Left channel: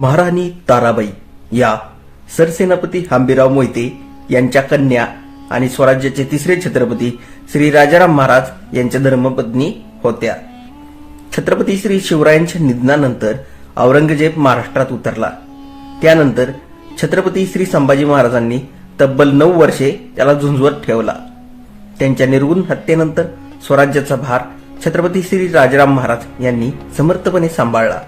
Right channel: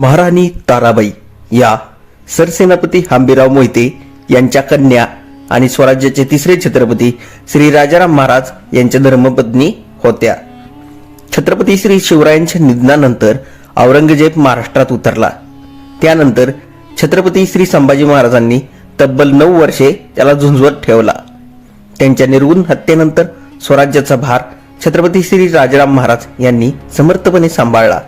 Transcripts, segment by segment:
महाराणी ताराबाई या सरसेनापती हंबीराव मोहिते यांच्या कन्या आणि स्वराज्याचे तिसरे छत्रपती श्री राजाराम महाराज यांच्या धर्मपत्नी होत्या. छत्रपती श्री शिवरायांच्या निधनानंतर औरंगजेब महाराष्ट्रात उतरला. त्यानंतर छत्रपती श्री संभाजी महाराजांनी तब्बल नऊ वर्षे त्याला झुंजवत ठेवला. त्यांच्या निर्गुण हत्येनंतर स्वराज्याचा भार छत्रपती श्री राजाराम महाराज यांनी समर्थपणे सांभाळला.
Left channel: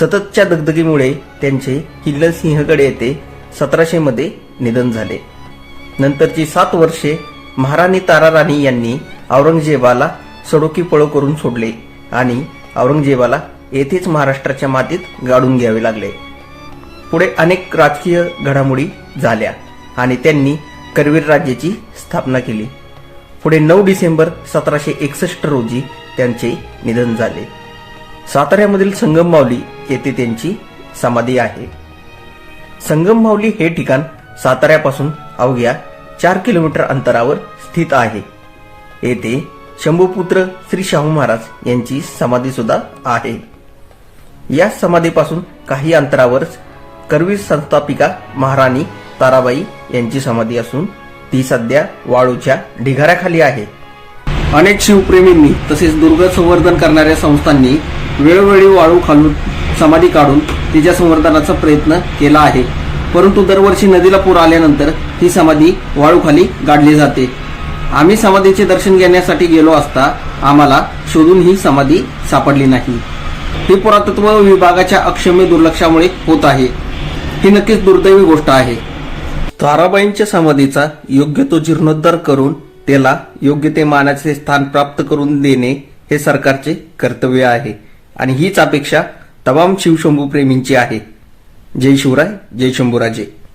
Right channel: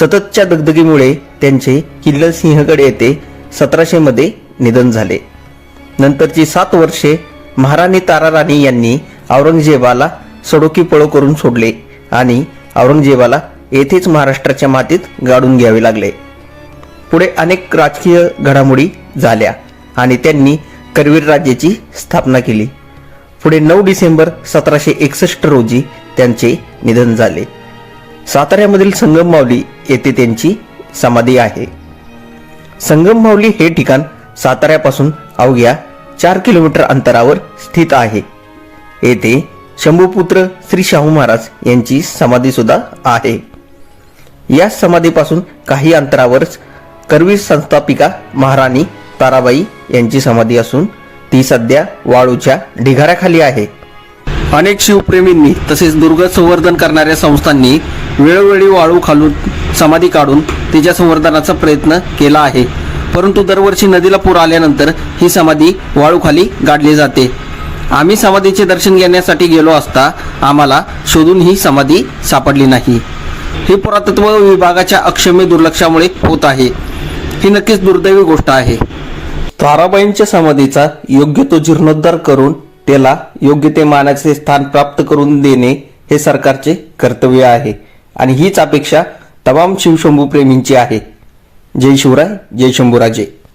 सततच्या दगदगीमुळे त्यांचे किल्ल सिंहगड येथे सतराशे मध्ये निधन झाले. नंतरची सात वर्षे महाराणी ताराराणी यांनी औरंगजेबाला सडोकी पळो करून सोडले आणि औरंगजेबाला येथेच महाराष्ट्राच्या मातीत गाडून घ्यावे लागले. पुढे अनेक राजकीय घडामोडी झाल्या आणि त्यांनी करवीर राज्याची स्थापना केली. पुढे नऊ डिसेंबर सतराशे एकसष्ट रोजी त्यांचे निधन झाले. साताऱ्यामधील संगम माऊली येथे त्यांची समाधी आहे. संगम माऊली हे ठिकाण साताऱ्यापासून अवघ्या चार किलोमीटर अंतरावर स्थित आहे. येथे शंभूपुत्र श्री शाहू महाराज यांची समाधी सुद्धा आहे. या समाधीपासून काही अंतरावरच करवीर संस्थापिका महाराणी ताराबाई यांची समाधी असून ती सध्या वाळूच्या ढिगाऱ्याखाली आहे. अनेक शिवप्रेमींनी तसेच दुर्ग संवर्धन करणाऱ्या संस्थांनी वेळोवेळी वाळू खालून समाधी काढून तिच्या संवर्धनाचा प्रयत्न केला आहे. परंतु दरवर्षी नदीला पूर आल्यानंतर ही समाधी वाळूखाली गाडली जाते. आम्ही समाधीचे दर्शन घेण्यासाठी गेलो असता आम्हाला शोधून ही समाधी सापडली नाही. ही पुरातत्व विभागाच्या अक्षम्य दुर्लक्षामुळे होत आहे. ही नक्कीच दुर्दैवी गोष्ट आहे. ताराबाईंच्या समाधीचा योग्य तो जीर्णोद्धार करून त्याला योग्य ते मानाचे स्थान प्राप्त करून देणे हे सरकारचे कर्तव्य आहे. आणि हीच अपेक्षा तमाम शिवशंभू प्रेमींची आहे. जय शिवराय जय शंभूराजे.